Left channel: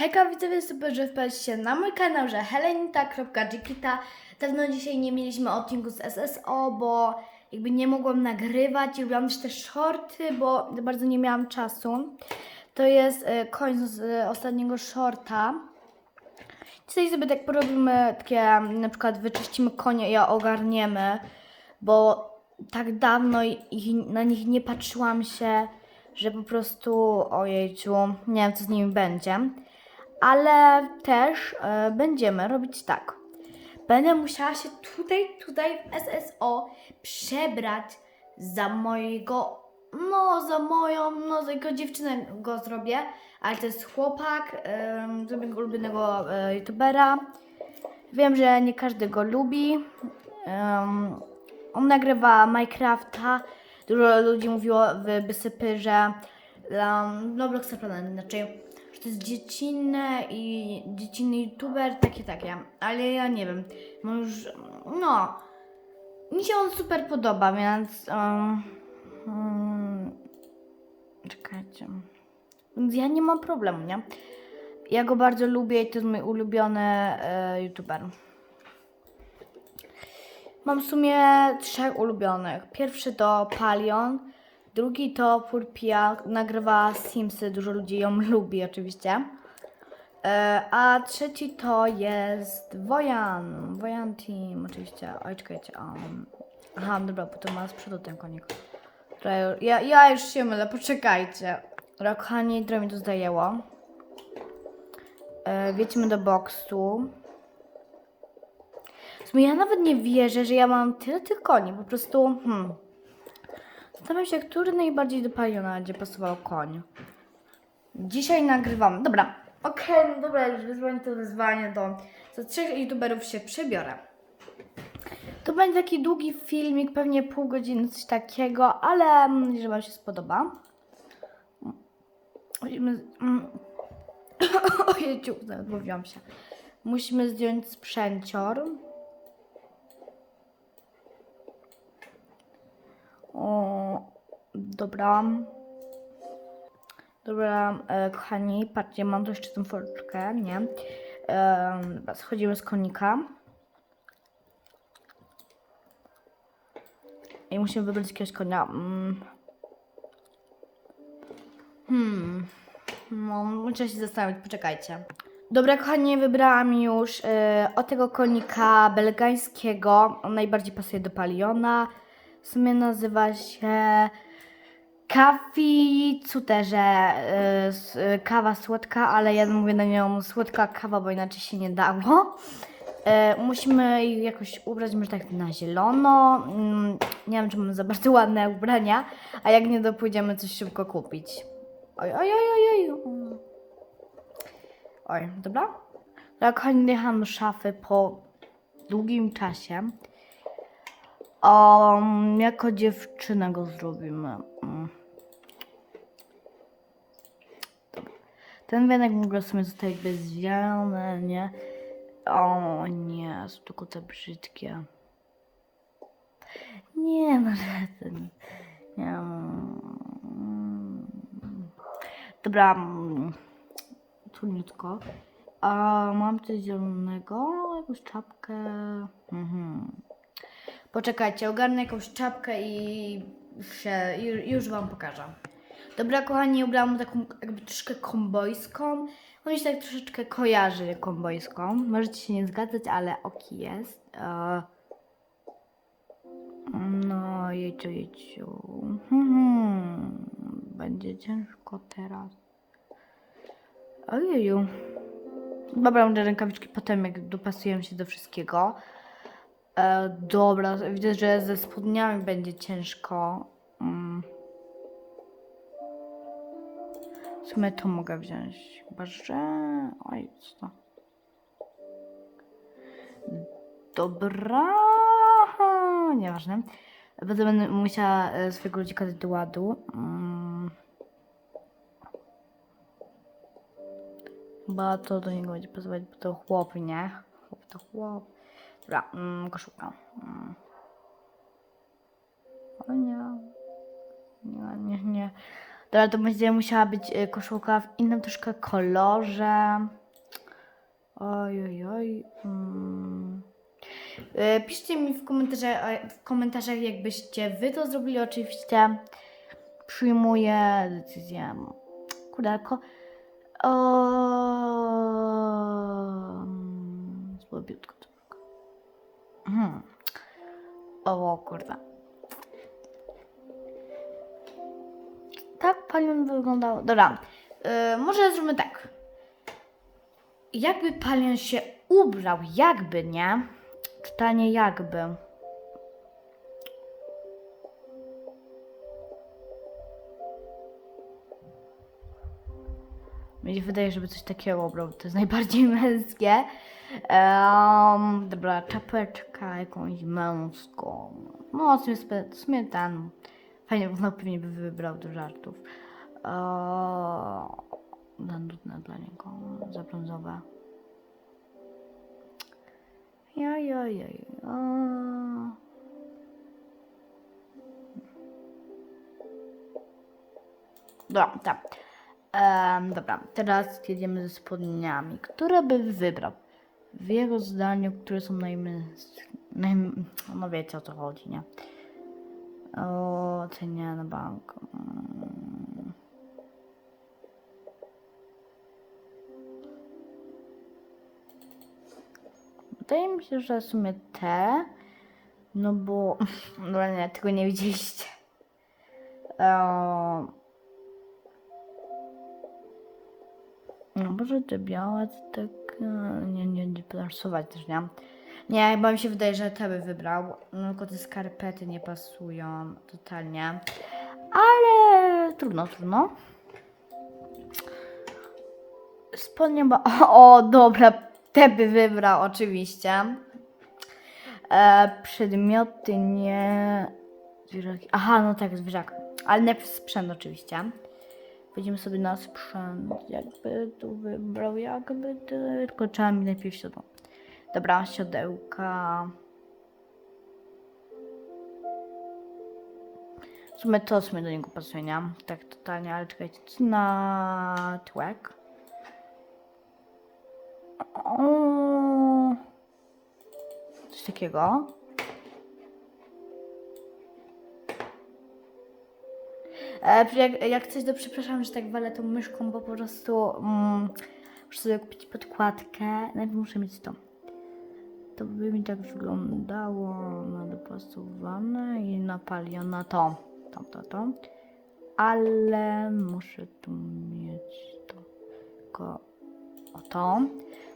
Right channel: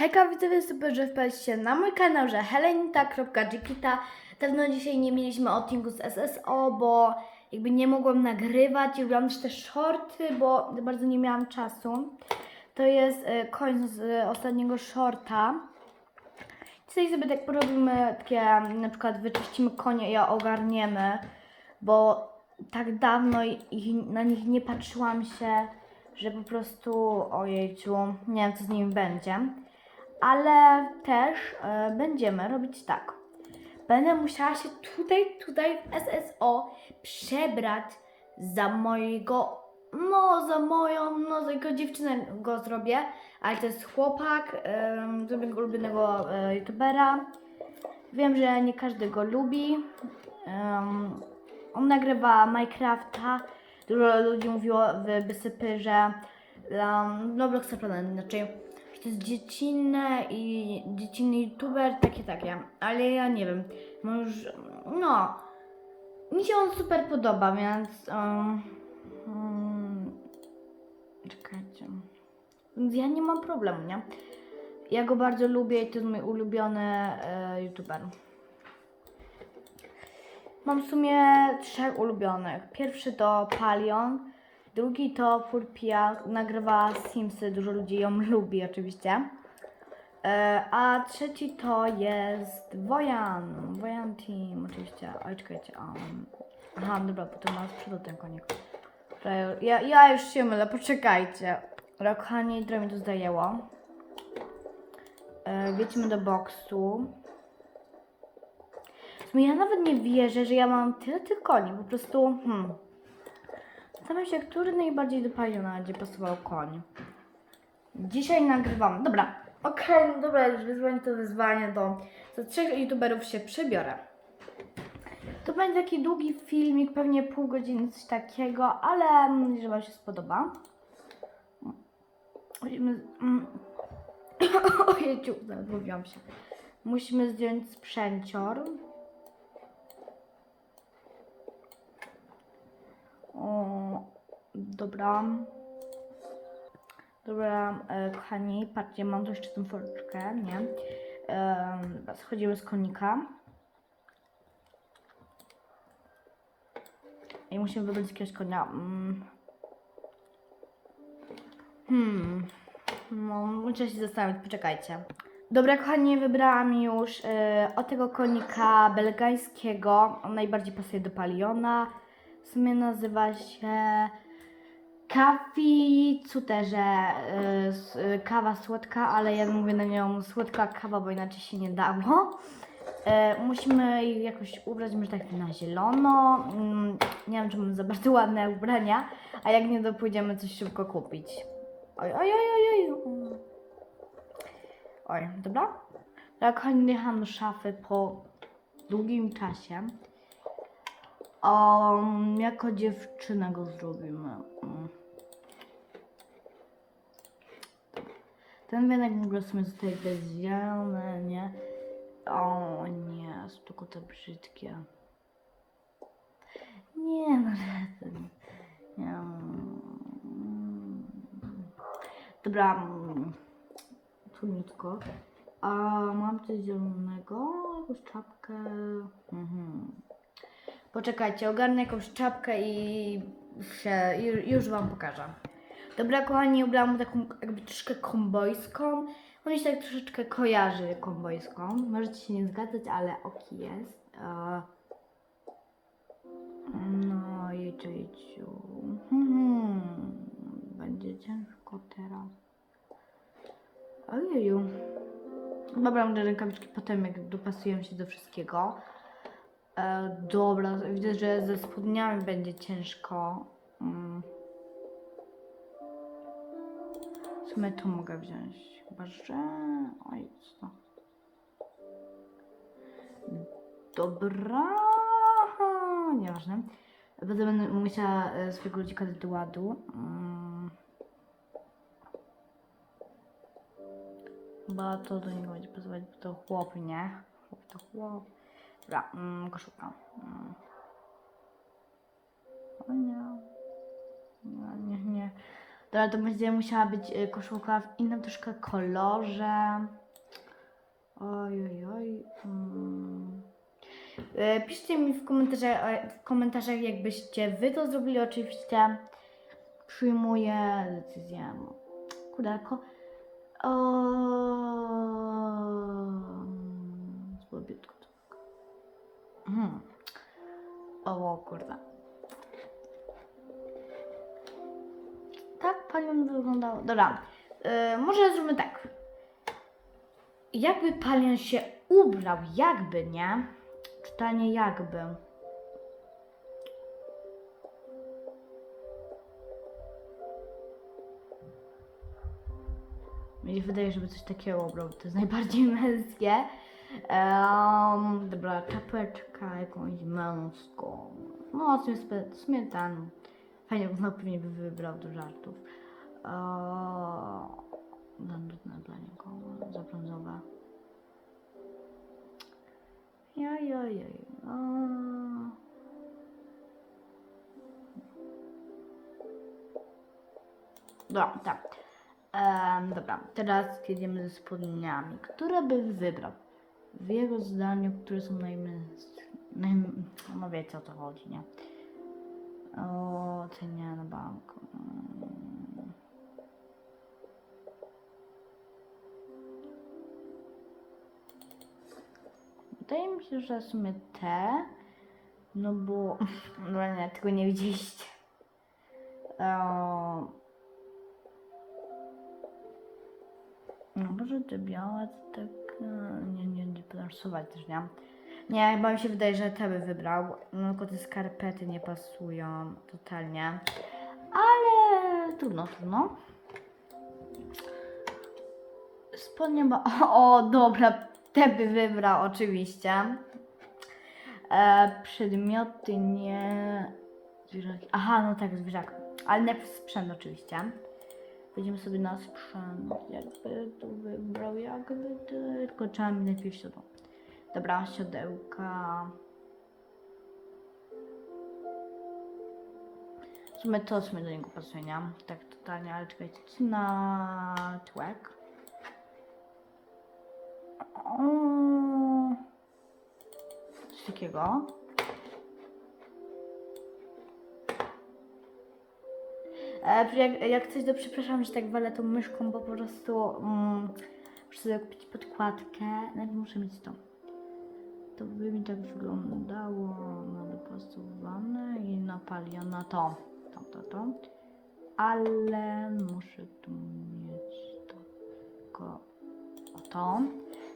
Hejka widzowie, super, że wpadliście na mój kanał, że helenita.gikita Dawno dzisiaj nie mieliśmy odcinku z SSO, bo jakby nie mogłam nagrywać i robiłam też te shorty, bo bardzo nie miałam czasu. To jest e, koniec z e, ostatniego shorta. Dzisiaj sobie tak porobimy takie, na przykład wyczyścimy konie i ogarniemy, bo tak dawno ich, na nich nie patrzyłam się, że po prostu, ojejciu, nie wiem co z nimi będzie. Ale też e, będziemy robić tak. Będę musiała się tutaj, tutaj w SSO przebrać za mojego, no za moją, no za jego dziewczynę go zrobię, ale to jest chłopak, um, z mojego ulubionego e, youtubera. Wiem, że nie każdy go lubi. Em, on nagrywa Minecrafta. Dużo ludzi mówiło w Bysypy, że um, no Blocksa Planet inaczej, to jest dziecinne i dziecinny youtuber, takie, takie. Ale ja nie wiem, no już, no, mi się on super podoba, więc um, um, czekajcie. Więc ja nie mam problemu, nie? Ja go bardzo lubię i to jest mój ulubiony e, youtuber. Mam w sumie trzech ulubionych. Pierwszy to Palion, drugi to Purpia, nagrywa Simsy, dużo ludzi ją lubi oczywiście. E, a trzeci to jest Wojan, Wojan Team oczywiście. Oj, czekajcie, um. Aha, dobra, bo to ma z przodu ten konik. Ja, ja już się mylę, poczekajcie. Dobra, kochani, trochę mi to zajęło. E, do boksu. Ja nawet nie wierzę, że ja mam tyle tych koni. Po prostu, hmm. Zastanawiam się, który najbardziej do paliona będzie pasował koń. Dzisiaj nagrywam. Dobra, okej, no dobra, już wyzwanie to wyzwanie do. Za trzech youtuberów się przebiorę. To będzie taki długi filmik, pewnie pół godziny, coś takiego, ale mam nadzieję, że Wam się spodoba. Musimy. mm. Ojejciu, mówiłam się. Musimy zdjąć sprzęcior. O, dobra. Dobra, e, kochani, patrzcie, mam tu jeszcze tą forczkę, nie? E, schodzimy z konika. I musimy wybrać jakiegoś konia. Mm. Hmm. No, muszę się zastanowić, poczekajcie. Dobra, kochani, wybrałam już e, o tego konika belgańskiego. On najbardziej pasuje do paliona. W sumie nazywa się Kafi Cuterze. y, Kawa słodka, ale ja mówię na nią słodka kawa, bo inaczej się nie dało. Y, Musimy jej jakoś ubrać, może tak na zielono. Mm, Nie wiem, czy mam za bardzo ładne ubrania, a jak nie, to coś szybko kupić. Oj, oj, oj, oj, oj. Oj, dobra. Kochani, jechałam szafy po długim czasie. Um, jako dziewczynę go zrobimy. Mm. Ten wienek w ogóle sobie zostaje jakby zwiany, nie? O nie, są tylko te brzydkie. Nie, no ten. Nie. mm. Dobra, mm, trudniutko. A mam coś zielonego, jakąś czapkę. Mhm. Poczekajcie, ogarnę jakąś czapkę i się, już, już Wam pokażę. Dobra, kochani, ubrałam taką jakby troszkę kombojską. On się tak troszeczkę kojarzy kombojską. Możecie się nie zgadzać, ale oki jest. E... No, jeciu, jeciu. Hmm, będzie ciężko teraz. Ojeju. Dobra, te rękawiczki potem, jak dopasuję się do wszystkiego. E, dobra, widzę, że ze spodniami będzie ciężko. Mm. W sumie to mogę wziąć. Chyba, że... Oj, co to? Dobra. Nieważne. Potem będę musiała e, swojego ludzika do ładu. Mm. Chyba to do niego będzie pasować, bo to chłop, nie? Chłop to chłop. Dobra, mm, koszulka. Mm. O nie. Nie, nie, nie. Dobra, to będzie musiała być y, koszulka w innym troszkę kolorze. Oj, oj, oj. Mm. Y, Piszcie mi w komentarzach, a- w komentarzach, jakbyście wy to zrobili. Oczywiście przyjmuję decyzję. Kurde, ko... O... Hmm. O kurde. Tak palion wyglądał. Dobra. Yy, może zróbmy tak. Jakby palion się ubrał, jakby, nie? Czytanie jakby. Mi się wydaje, żeby coś takiego ubrał. To jest najbardziej męskie. Um, dobra, czapeczka jakąś męską. No, sumie ten. Fajnie, no pewnie by wybrał do żartów. Za nudne dla niego. Za brązowe. Jaj, jaj, jaj. Eee. Dobra, tak. Em, dobra, teraz jedziemy ze spodniami. Które by wybrał? W jego zdaniu, które są najmęskie. Naj... No wiecie o co chodzi, nie? O, cenie na bank. Wydaje mi się, że w sumie te. No bo. No nie, tego nie widzieliście. No może te białe to tak nie, nie, nie plasować też, nie? Nie, bo mi się wydaje, że te by wybrał. No tylko te skarpety nie pasują totalnie. Ale trudno, trudno. Spodnie ba... O, dobra, te by wybrał oczywiście. E, przedmioty nie... Zwierzaki. Aha, no tak, zwierzak. Ale najpierw sprzęt oczywiście. Wejdziemy sobie na sprzęt, jakby tu wybrał, jakby tylko trzeba mi najpierw siodło. Dobra, siodełka. W sumie to w sumie do niego pasuje, nie? Tak totalnie, ale czekajcie, co na tłek? O, coś takiego. E, jak, jak coś, to przepraszam, że tak walę tą myszką, bo po prostu mm, muszę sobie kupić podkładkę. Najpierw muszę mieć to. To by mi tak wyglądało na dopasowane i napalione to, to, to, to. Ale muszę tu mieć tylko o to.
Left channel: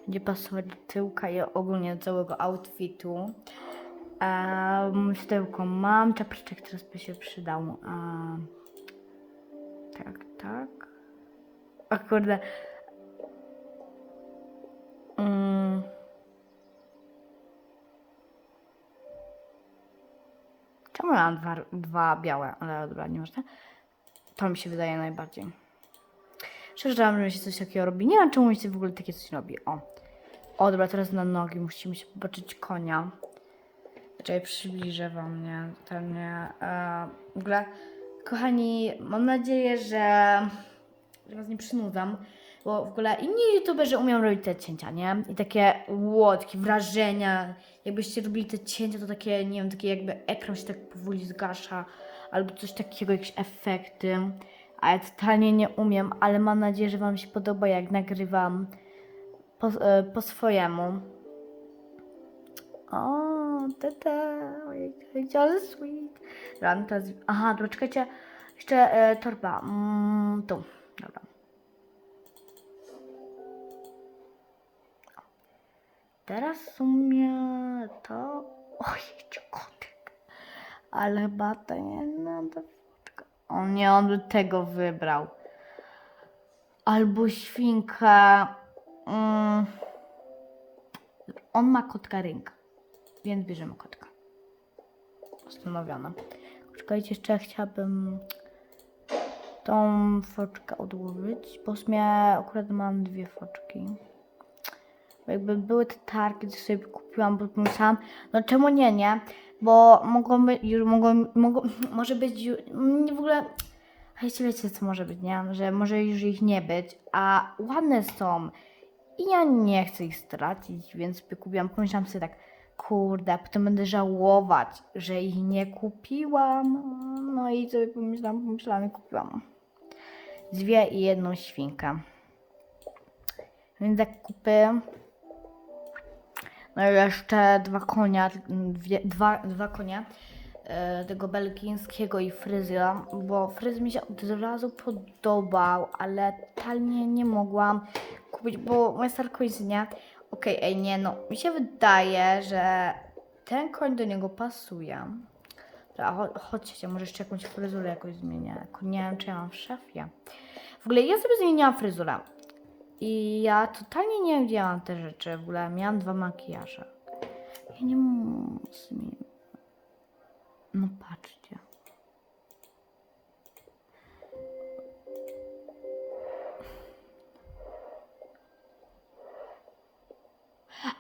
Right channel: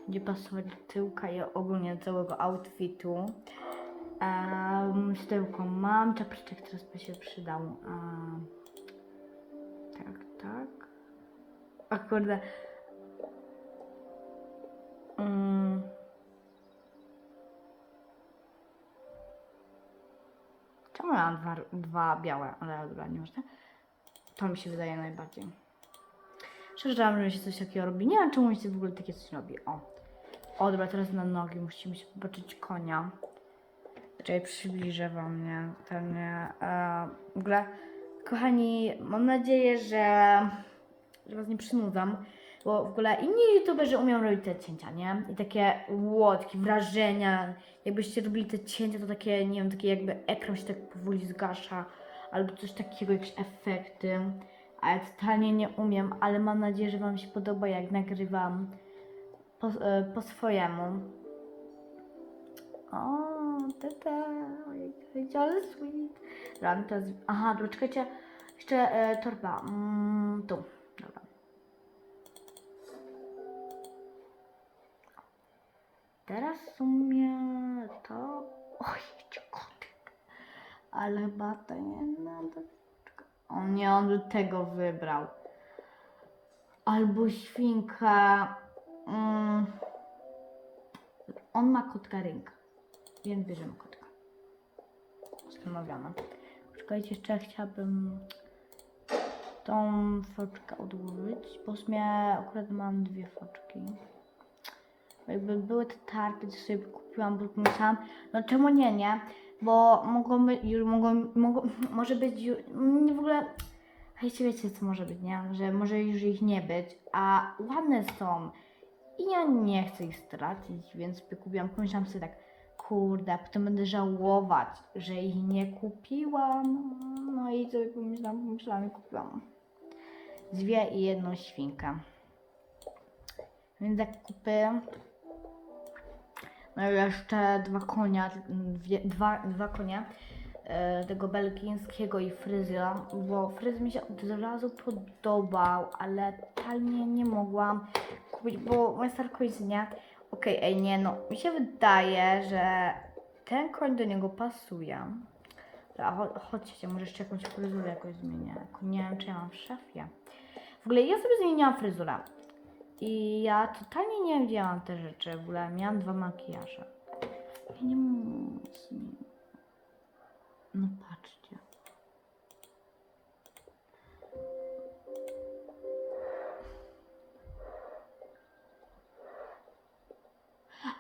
Będzie pasować do tyłka i ogólnie całego outfitu. Um, styłko mam, czapeczek teraz by się przydał. Um, O kurde. Mm. Czemu mam dwa, dwa białe? Ale dobra, nie można. To mi się wydaje najbardziej. Szczerze, że się coś takiego robi. Nie wiem, czemu mi się w ogóle takie coś robi. O. O, dobra, teraz na nogi. Musimy się popatrzeć konia. Czekaj, przybliżę wam, nie? Totalnie. E, w ogóle, kochani, mam nadzieję, że was nie przynudzam, bo w ogóle inni youtuberzy umieją robić te cięcia, nie? I takie łotki, wrażenia. Jakbyście robili te cięcia, to takie, nie wiem, takie jakby ekran się tak powoli zgasza, albo coś takiego, jakieś efekty. A ja totalnie nie umiem, ale mam nadzieję, że wam się podoba, jak nagrywam po, e, po swojemu. O, tata, ale sweet. Dobra, no teraz, aha, dobra, czekajcie, jeszcze e, torba, mm, tu, dobra. Teraz w sumie to, ojej, kotek, ale chyba to nie, to, o nie, on by tego wybrał. Albo świnkę, mm. On ma kotka rynka, więc bierzemy kotka. Ustanowione. Czekajcie, jeszcze chciałabym tą foczkę odłożyć, bo w sumie akurat mam dwie foczki. Jakby były te targi, to sobie kupiłam, bo pomyślałam, no czemu nie, nie? Bo mogą być, już mogą, mogą, może być, nie w ogóle, Wiecie, wiecie co może być, nie? Że może już ich nie być, a ładne są. I ja nie chcę ich stracić, więc kupiłam. Pomyślałam sobie tak, kurde, potem będę żałować, że ich nie kupiłam. No i sobie pomyślałam, pomyślałam i kupiłam. Dwie i jedną świnkę. Więc zakupy. No i jeszcze dwa konia, dwie, dwa, dwa konia e, tego belgijskiego i fryzja, bo fryz mi się od razu podobał, ale totalnie nie mogłam kupić, bo moja starka jest nie. Okej, ej nie, no mi się wydaje, że ten koń do niego pasuje. Dobra, cho- chodźcie, może jeszcze jakąś fryzurę jakoś zmienię. Nie wiem, czy ja mam w szafie. W ogóle ja sobie zmieniłam fryzurę. I ja totalnie nie mam te rzeczy. W ogóle miałam dwa makijaże. Ja nie zmienić. No patrzcie.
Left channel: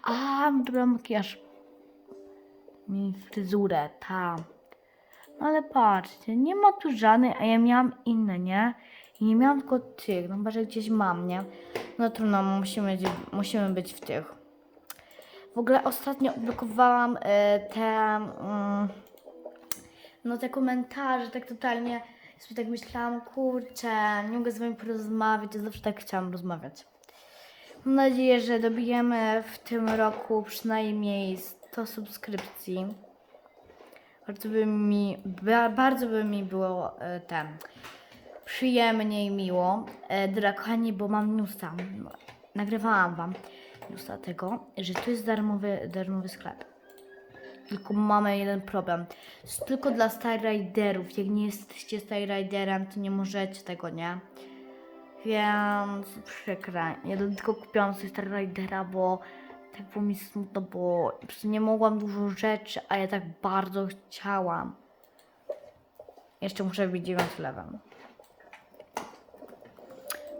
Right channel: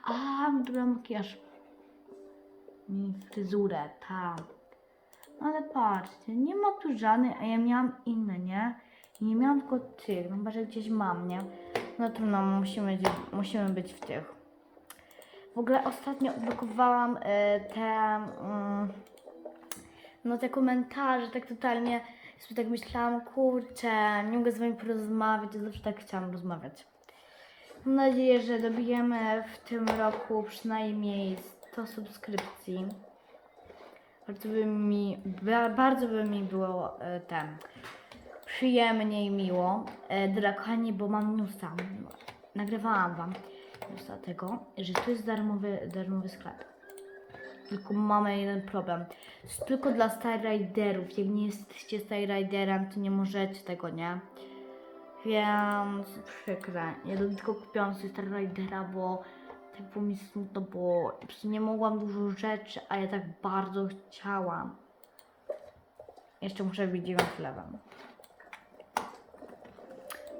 A, dobra, makijaż. Mi fryzurę, ta. No ale patrzcie, nie ma tu żadnej, a ja miałam inne, nie? I nie miałam tylko tych, no chyba, że gdzieś mam, nie? No trudno, musimy, musimy być w tych. W ogóle ostatnio odblokowałam e, te, mm, no te komentarze, tak totalnie, sobie tak myślałam, kurczę, nie mogę z wami porozmawiać, ja zawsze tak chciałam rozmawiać. Mam nadzieję, że dobijemy w tym roku przynajmniej 100 subskrypcji. Bardzo by mi, ba, bardzo by mi było e, ten, przyjemnie i miło. E, bo mam newsa. Nagrywałam wam newsa tego, że tu jest darmowy, darmowy sklep. Tylko mamy jeden problem. Jest tylko dla Starriderów. Jak nie jesteście Starriderem, to nie możecie tego, nie? Więc przykre. Ja tylko kupiłam sobie Starridera, bo tak było mi smutno, bo nie mogłam dużo rzeczy, a ja tak bardzo chciałam. Jeszcze muszę 9 lewem.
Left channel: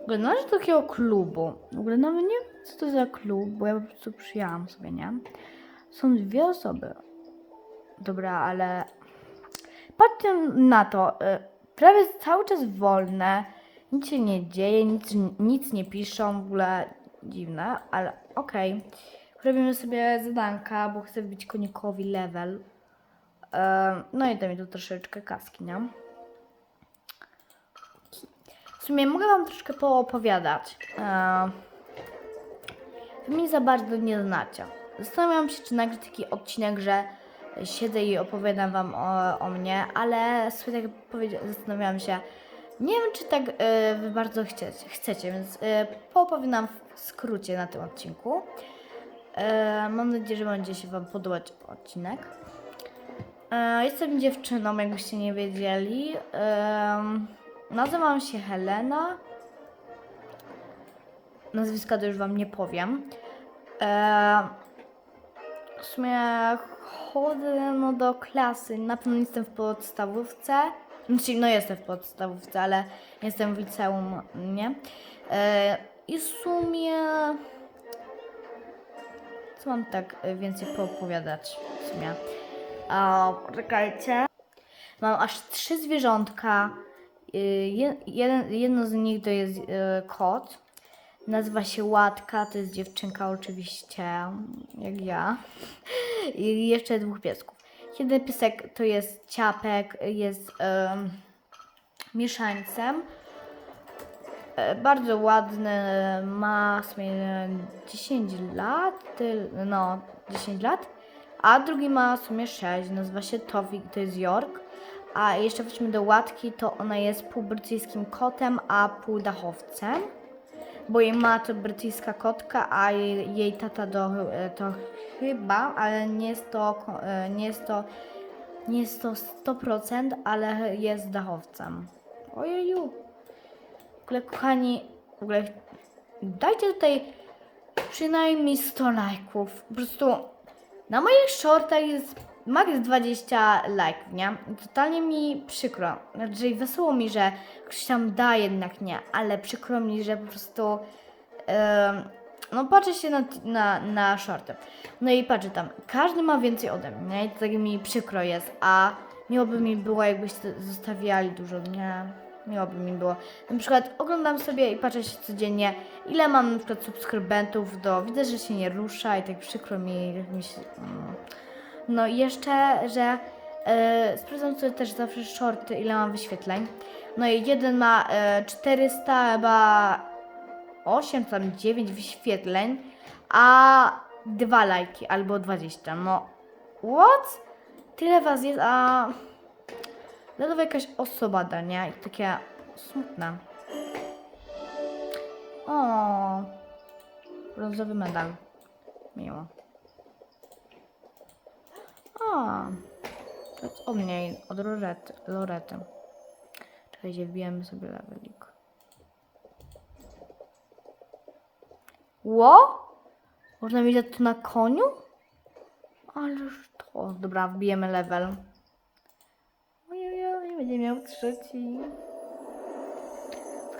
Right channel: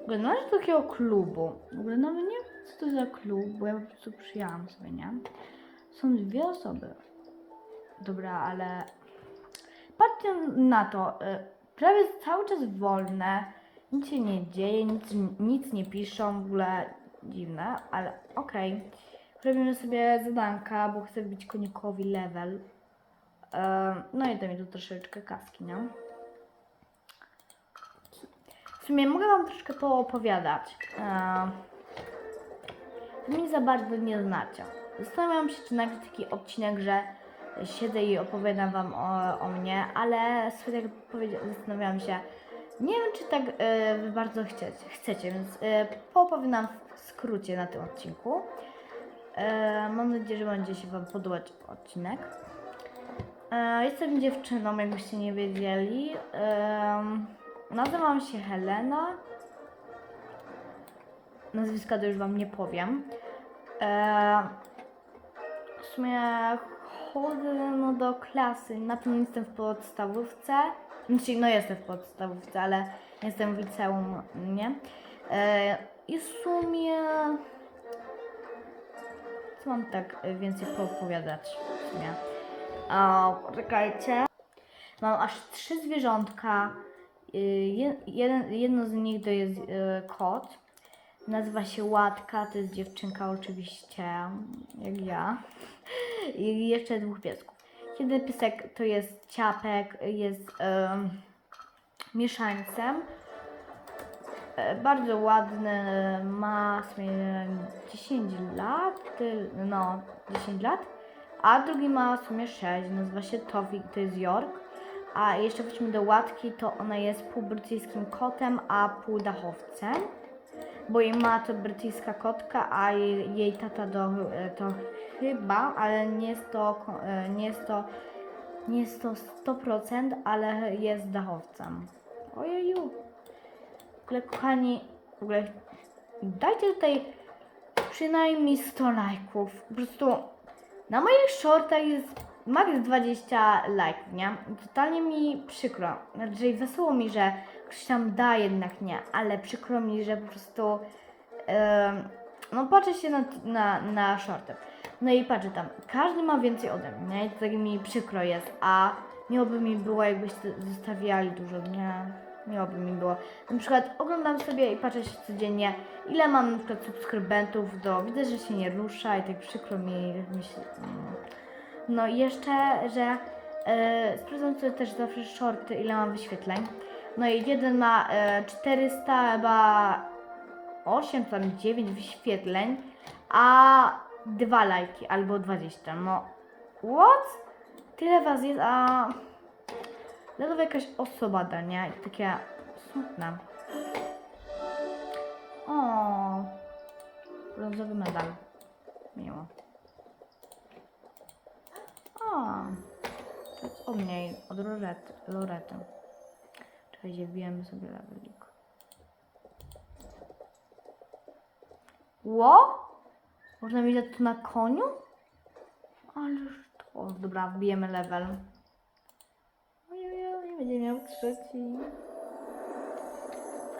Ogóle należy do takiego klubu. W ogóle nawet nie wiem, co to za klub, bo ja po prostu przyjęłam sobie, nie? Są dwie osoby. Dobra, ale patrzcie na to. y, Prawie cały czas wolne. Nic się nie dzieje, nic, nic nie piszą, w ogóle dziwne, ale okej. Robimy sobie zadanka, bo chcę wbić konikowi level. Em, no i to mi tu troszeczkę kaski, nie? W sumie mogę Wam troszkę poopowiadać. Em, Wy mnie za bardzo nie znacie. Zastanawiam się, czy nagrać taki odcinek, że siedzę i opowiadam Wam o, o mnie, ale sobie tak zastanawiałam się, nie wiem, czy tak e, Wy bardzo chcecie, chcecie więc e, poopowiadam w skrócie na tym odcinku. E, mam nadzieję, że będzie się Wam podobać odcinek. E, jestem dziewczyną, jakbyście nie wiedzieli. Em, nazywam się Helena. Nazwiska to już Wam nie powiem. E, w sumie chodzę no, do klasy. Na pewno jestem w podstawówce. Znaczy, no jestem w podstawówce, ale jestem w liceum, nie? E, I w sumie... Co mam tak więcej poopowiadać w sumie? A, poczekajcie. Mam aż trzy zwierzątka. Y, je- jeden, jedno z nich to jest y, kot. Nazywa się Łatka, to jest dziewczynka oczywiście, jak ja. I jeszcze dwóch piesków. Jeden piesek to jest ciapek, jest em, mieszańcem. E, Bardzo ładny, ma w sumie 10 lat, no 10 lat, a drugi ma w sumie 6, nazywa się Towik, to jest York. A jeszcze wróćmy do Łatki, to ona jest pół brytyjskim kotem, a pół dachowcem. Bo jej ma to brytyjska kotka, a jej, jej tata do, to chyba, ale nie jest to, nie jest to, nie jest to 100%, ale jest dachowcem. Ojeju. W ogóle, kochani, w ogóle dajcie tutaj przynajmniej 100 lajków. Po prostu na moich shortach jest max 20 lajków, nie? Totalnie mi przykro. Znaczy wesoło mi, że ktoś tam da, jednak nie, ale przykro mi, że po prostu em, no patrzę się na, na, na shorty. No i patrzę tam, każdy ma więcej ode mnie, nie? I to tak mi przykro jest, a miło by mi było, jakbyście zostawiali dużo, nie? miło by mi było. Na przykład oglądam sobie i patrzę się codziennie, ile mam na przykład subskrybentów, do widzę, że się nie rusza i tak przykro mi, mi się, mm. No i jeszcze, że e, sprawdzam sobie też zawsze shorty, ile mam wyświetleń. No i jeden ma e, 400, chyba 8, tam 9 wyświetleń, a dwa lajki albo 20. No, what? Tyle was jest, a ledwo jakaś osoba da, nie? I takie smutne. O, brązowy medal. Miło. O, to jest o mnie, od Lorety. Lorety. Czekajcie, wbijemy sobie levelik. Ło? Można mieć to na koniu? Ależ to. Dobra, wbijemy level. Nie będzie miał trzeci.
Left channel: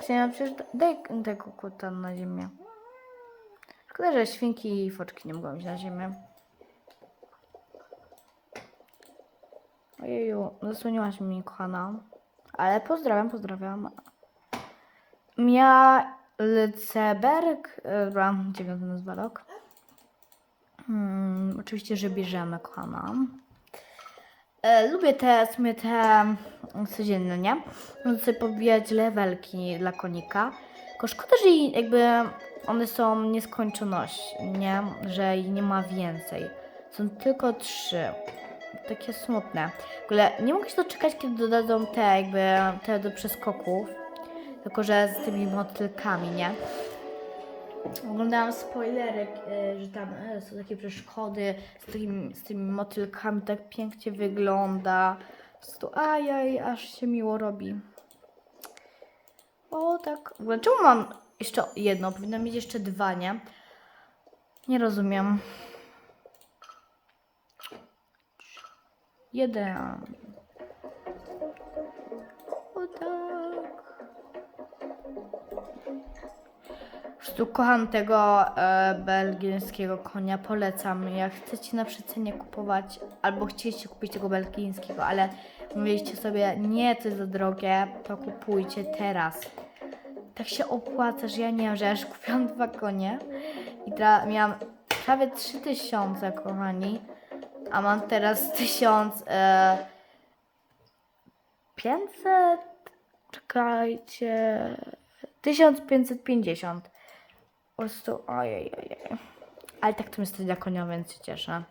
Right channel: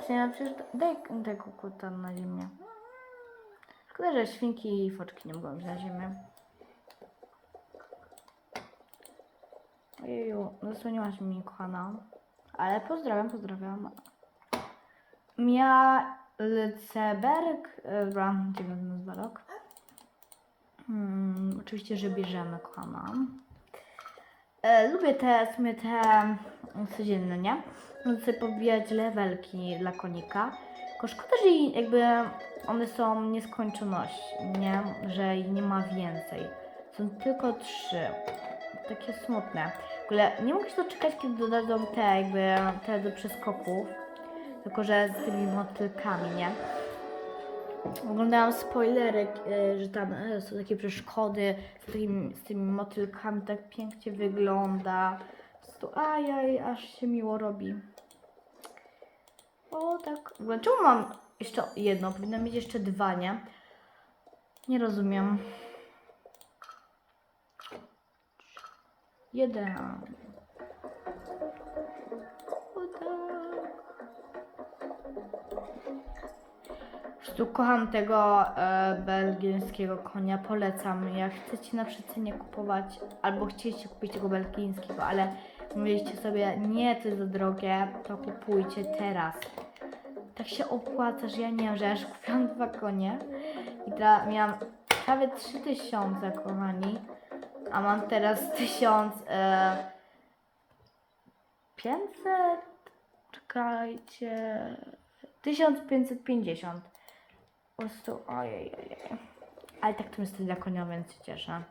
Chciałam przecież daj tego kota na ziemię. Szkoda, że świnki i foczki nie mogą iść na ziemię. Ojeju, zasłoniłaś mi, kochana. Ale pozdrawiam, pozdrawiam. Mia Lceberg, dobra, dziewiąty nazwa rok. Hmm, oczywiście, że bierzemy, kochana. E, lubię te, w te mm, codzienne, nie? Mogę sobie pobijać levelki dla konika. Tylko szkoda, że jakby one są nieskończoność, nie? Że ich nie ma więcej. Są tylko trzy. Takie smutne. Ogóle nie mogę się doczekać, kiedy dodadzą te jakby te do przeskoków. Tylko, że z tymi motylkami, nie? Oglądałam spoilerek, e, że tam e, są takie przeszkody z, takimi, z tymi motylkami, tak pięknie wygląda. Prostu ajaj, aż się miło robi. O tak. Czemu mam jeszcze jedno? Powinno mieć jeszcze dwa, nie? Nie rozumiem. Jeden. O tak. Po prostu kocham tego e, belgijskiego konia, polecam. Jak chcecie na przecenie kupować, albo chcieliście kupić tego belgijskiego, ale mówiliście sobie, nie, to za drogie, to kupujcie teraz. Tak się opłaca, że ja nie wiem, że ja już kupiłam dwa konie i teraz miałam prawie 3000, kochani, a mam teraz 1000... E, 500? Czekajcie... 1550. Po prostu, ojej, ojej. Ale tak to jest dla konia, więc się cieszę.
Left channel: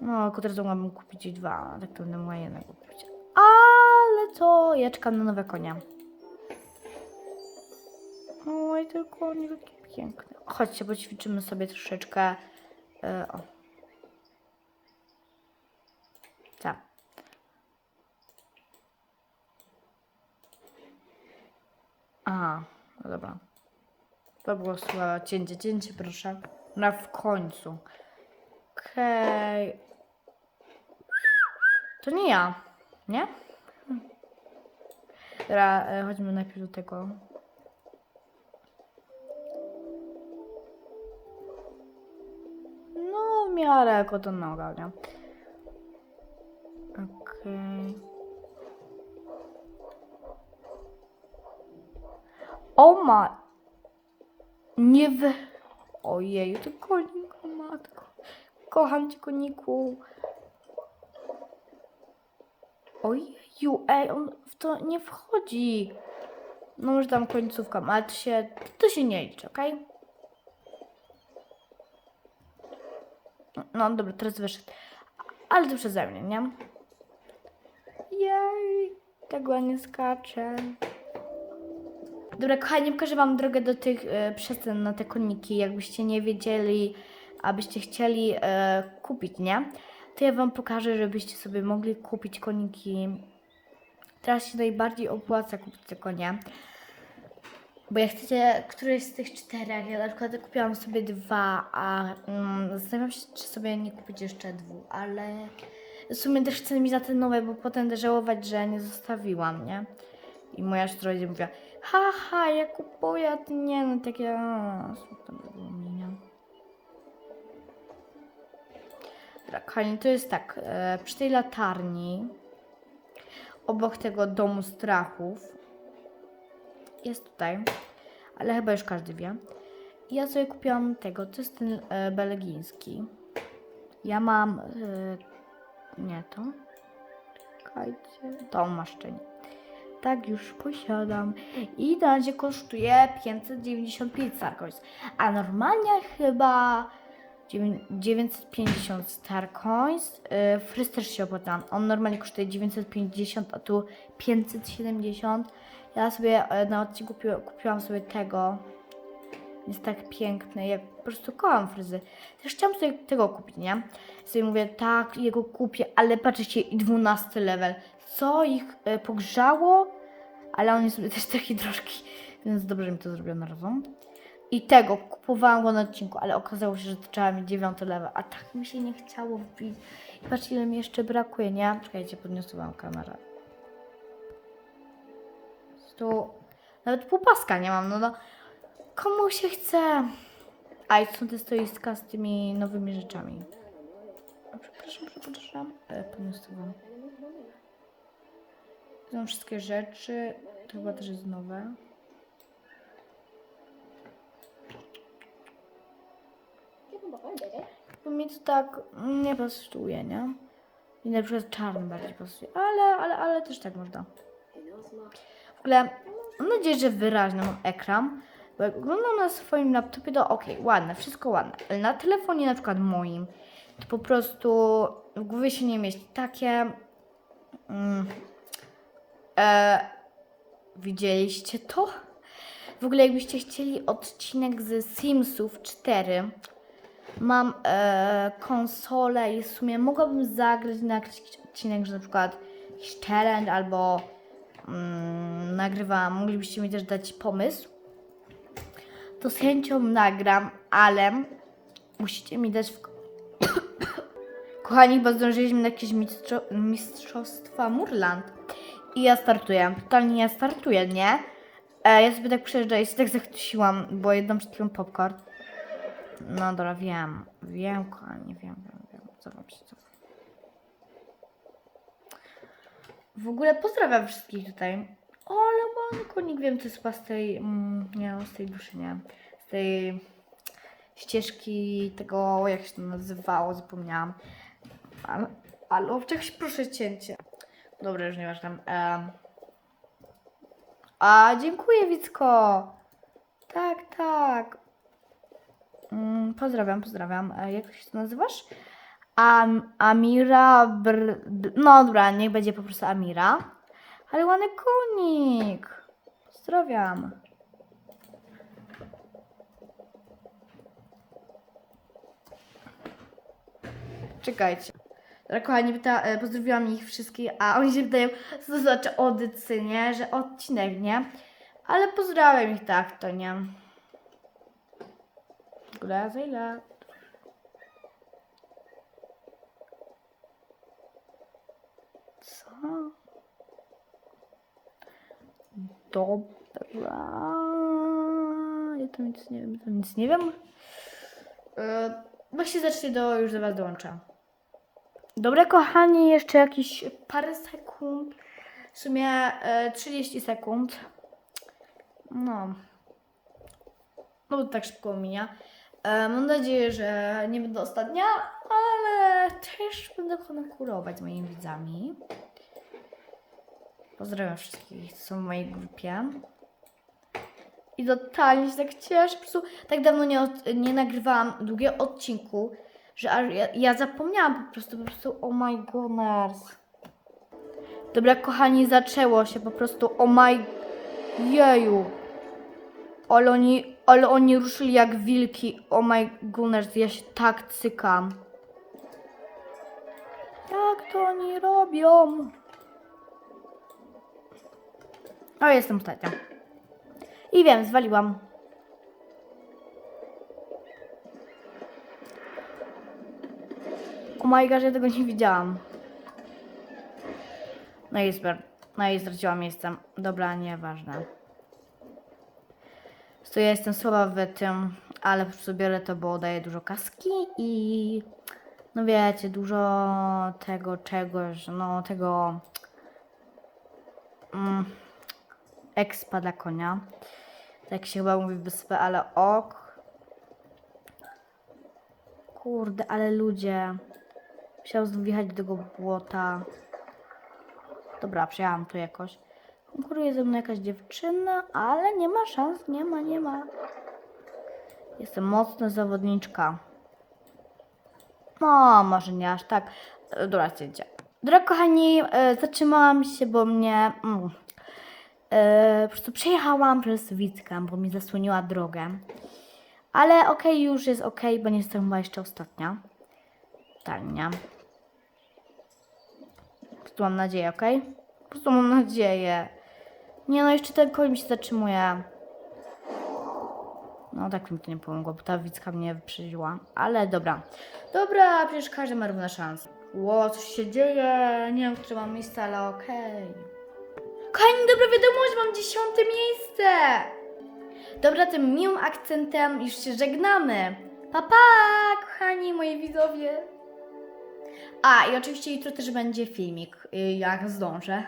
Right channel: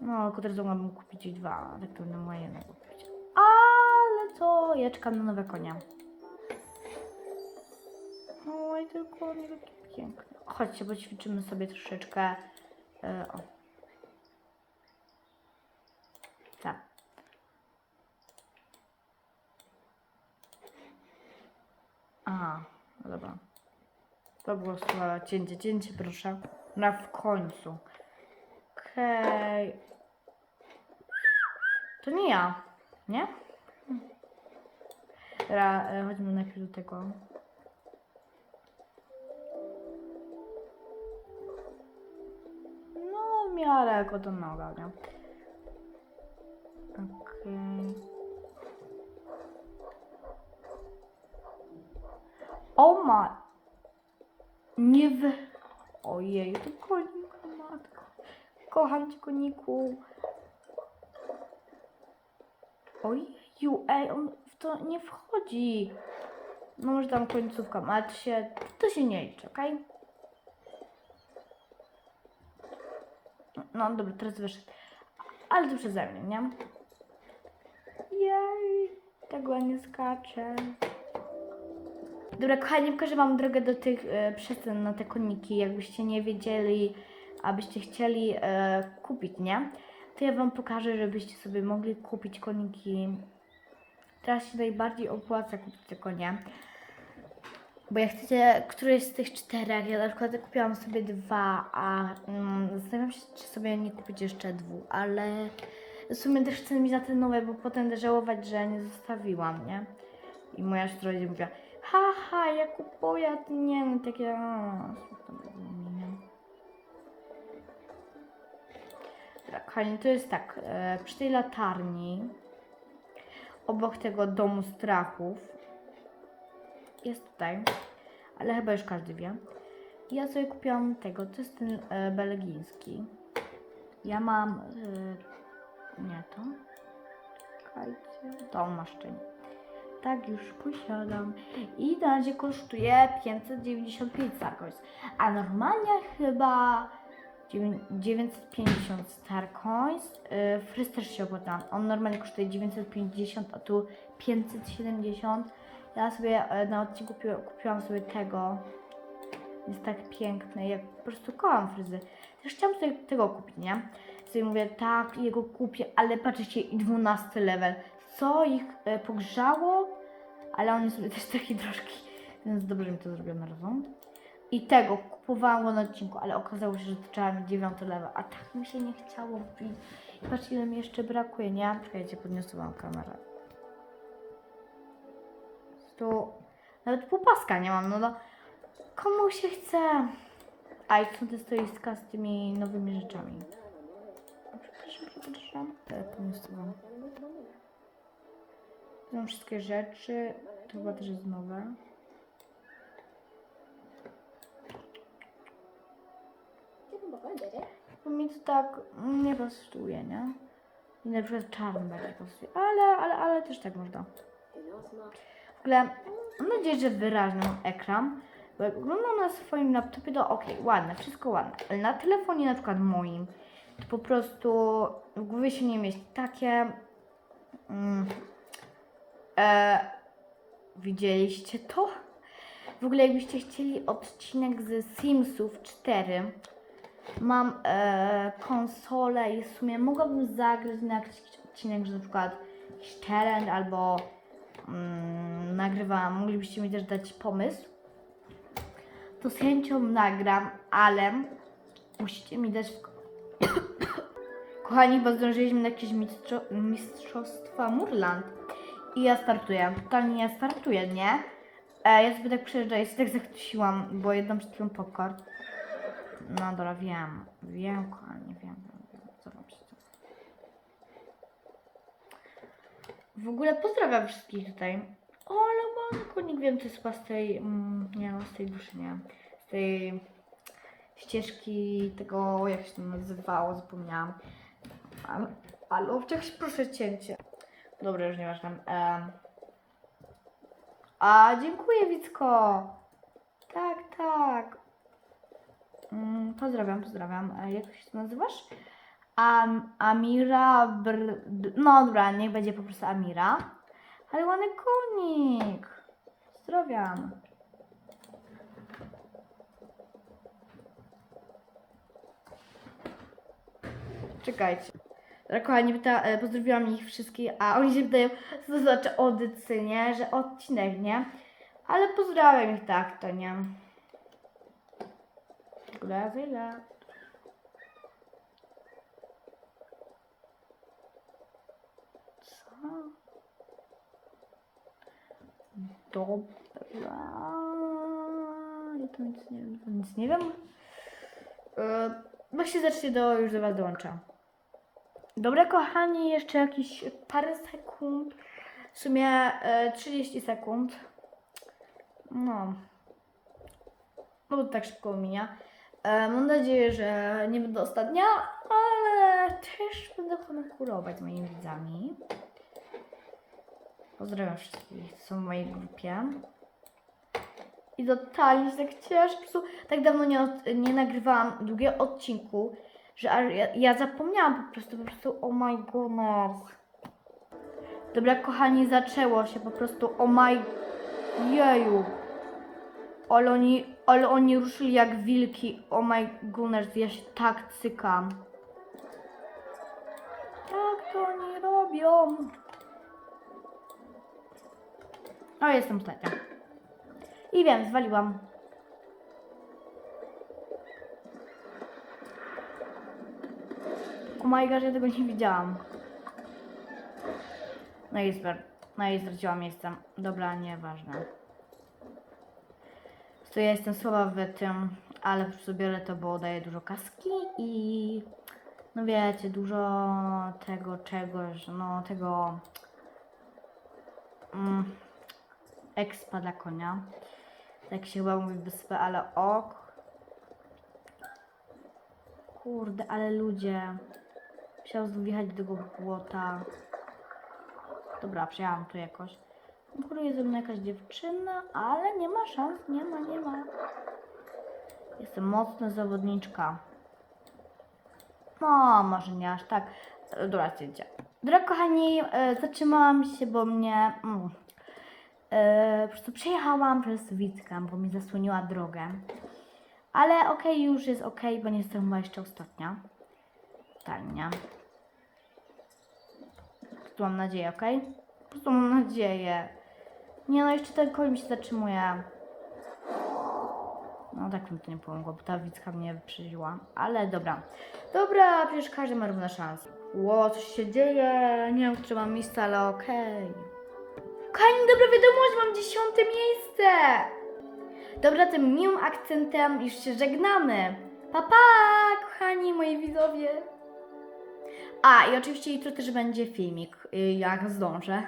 No, od razu mogłabym kupić i dwa, tak to będę mogła jednego kupić. Ale co? Ja czekam na nowe konia. Oj, ten koń taki piękny. Chodźcie, poćwiczymy sobie troszeczkę. E, o. Tak. No dobra. To było słabe. Cięcie, cięcie, proszę. Na w końcu. Okej. To nie ja, nie? Dobra, e, chodźmy najpierw do tego. No, w miarę jako to noga, nie? Okej. O ma... Nie wy... Ojej, to konik, matko. Kocham cię, koniku. Ojeju, ej, on w to nie wchodzi. No może tam końcówka, ale to się, to się nie liczy, okej? No dobra, teraz wyszedł. Ale to przeze mnie, nie? Jej, tak ładnie skacze. Dobra, kochani, pokażę Wam drogę do tych e, na te koniki. Jakbyście nie wiedzieli, abyście chcieli e, kupić, nie? To ja Wam pokażę, żebyście sobie mogli kupić koniki. Teraz się najbardziej opłaca kupić te konie. Bo jak chcecie któreś z tych czterech, ja na przykład kupiłam sobie dwa, a mm, zastanawiam się, czy sobie nie kupić jeszcze dwóch, ale w sumie też chcę mieć za te nowe, bo potem żałować, że nie zostawiłam, nie? I moja siostra będzie mówiła, haha, ja kupuję, a nie, no takie? Dobra, kochani, to jest tak, e, przy tej latarni, obok tego domu strachów. Jest tutaj, ale chyba już każdy wie. Ja sobie kupiłam tego, to jest ten e, belgijski. Ja mam, e, nie to, czekajcie, tą maszczynę. Tak już posiadam. I na razie kosztuje 595 Starcoins. A normalnie chyba dziewię- 950 Starcoins. Yy, Fryz też się opłaca. On normalnie kosztuje 950, a tu 570. Ja sobie e, na odcinku kupiłam, sobie tego. Jest tak piękny. Ja po prostu kocham fryzy. Też chciałam sobie tego kupić, nie? Sobie mówię, tak, jego kupię, ale patrzcie, i 12 level. Co ich e, pogrzało? Ale on jest też taki troszkę, więc dobrze mi to zrobiono razem. I tego kupowałam go na odcinku, ale okazało się, że trzeba mieć 9 level, a tak mi się nie chciało wbić. I patrzcie, ile mi jeszcze brakuje, nie? Czekajcie, podniosę wam kamerę. Tu nawet półpaska nie mam, no to komu się chce? A i są te stoiska z tymi nowymi rzeczami. O, Przepraszam, przepraszam. E, Podniosę wam. Są wszystkie rzeczy. To chyba też jest nowe. Bo mi to tak nie pasuje, nie? I na przykład czarny bardziej pasuje. Ale, ale, ale też tak można. W ogóle mam nadzieję, że wyraźny mam ekran. Bo jak oglądam na swoim laptopie, to ok, ładne, wszystko ładne. Ale na telefonie na przykład moim, to po prostu w głowie się nie mieści. Takie... Mm, e, widzieliście to? W ogóle jakbyście chcieli odcinek z Simsów 4, mam e, konsolę i w sumie mogłabym zagrać na jakiś odcinek, że na przykład challenge albo mm, moglibyście mi też dać pomysł, to z chęcią nagram, ale musicie mi dać w... Kochani, bo zdążyliśmy na jakieś mistrzo mistrzostwa Murland i ja startuję, totalnie ja startuję, nie? E, ja sobie tak przejeżdżam, ja się tak zachwyciłam, bo jedną przed chwilą popcorn. No dobra, wiem. Wiem, kochani, wiem, wiem, wiem. Co co. W ogóle pozdrawiam wszystkich tutaj. O, ale mam konik, wiem, to jest z tej, mm, nie z tej duszy, nie. Z tej ścieżki tego, jak się to nazywało, zapomniałam. Ale, ale proszę cięcie. Dobra, już nieważne. Um. A, dziękuję, Wicko. Tak, tak. Mm, pozdrawiam, pozdrawiam. A jak się to nazywasz? Am, Amira Br... No dobra, niech będzie po prostu Amira. Ale ładny konik. Pozdrawiam. Czekajcie. Dobra, kochani, pyta, e, pozdrowiłam ich wszystkich, a oni się pytają, co to znaczy odycy, nie? Że odcinek, nie? Ale pozdrawiam ich tak, to nie? Ile? Co? Dobra. Ja to nic nie wiem, to nic nie wiem. Yy, właśnie zacznie do, już do Was dołącza. Dobra, kochani, jeszcze jakieś parę sekund. W sumie e, 30 sekund. No. No tak szybko minia. E, mam nadzieję, że nie będę ostatnia, ale też będę konkurować z moimi widzami. Pozdrawiam wszystkich, co są w mojej grupie. I totalnie się tak cieszę. Po prostu tak dawno nie, od, nie nagrywałam długiego odcinku, że aż ja, ja zapomniałam po prostu, po prostu oh my goodness. Dobra, kochani, zaczęło się po prostu oh my jeju. Ale oni, ale oni ruszyli jak wilki. Oh my goodness, ja się tak cykam. Jak to oni robią? O, jestem ostatnia. I wiem, zwaliłam. Oh my gosh, ja tego nie widziałam. No i super. No i straciłam miejsce. Dobra, nieważne. To ja jestem słaba w tym, ale po prostu biorę to, bo daje dużo kaski i no wiecie, dużo tego czegoś, no tego mm, expa dla konia. Tak się chyba mówi wyspę, ale ok. Kurde, ale ludzie. Musiał wjechać do tego błota. Dobra, przyjechałam tu jakoś. Konkuruje ze mną jakaś dziewczyna, ale nie ma szans, nie ma, nie ma. Jestem mocna zawodniczka. No, może nie aż tak. Dobra, zdjęcie. Dobra, kochani, e, zatrzymałam się, bo mnie. Mm, e, po prostu przejechałam przez Wickę, bo mi zasłoniła drogę. Ale okej, już jest okej, bo nie jestem chyba jeszcze ostatnia. Tania. Prostu mam nadzieję, okej? Po prostu mam nadzieję. Nie no, jeszcze ten koń mi się zatrzymuje. No tak mi to nie pomogło, bo ta Wicka mnie wyprzedziła. Ale dobra. Dobra, przecież każdy ma równe szanse. Ło, coś się dzieje. Nie wiem, które mam miejsce, ale okej. Kochani, dobra wiadomość, mam dziesiąte miejsce. Dobra, tym miłym akcentem już się żegnamy. Pa, pa, kochani moi widzowie. A, i oczywiście jutro też będzie filmik, y, jak zdążę.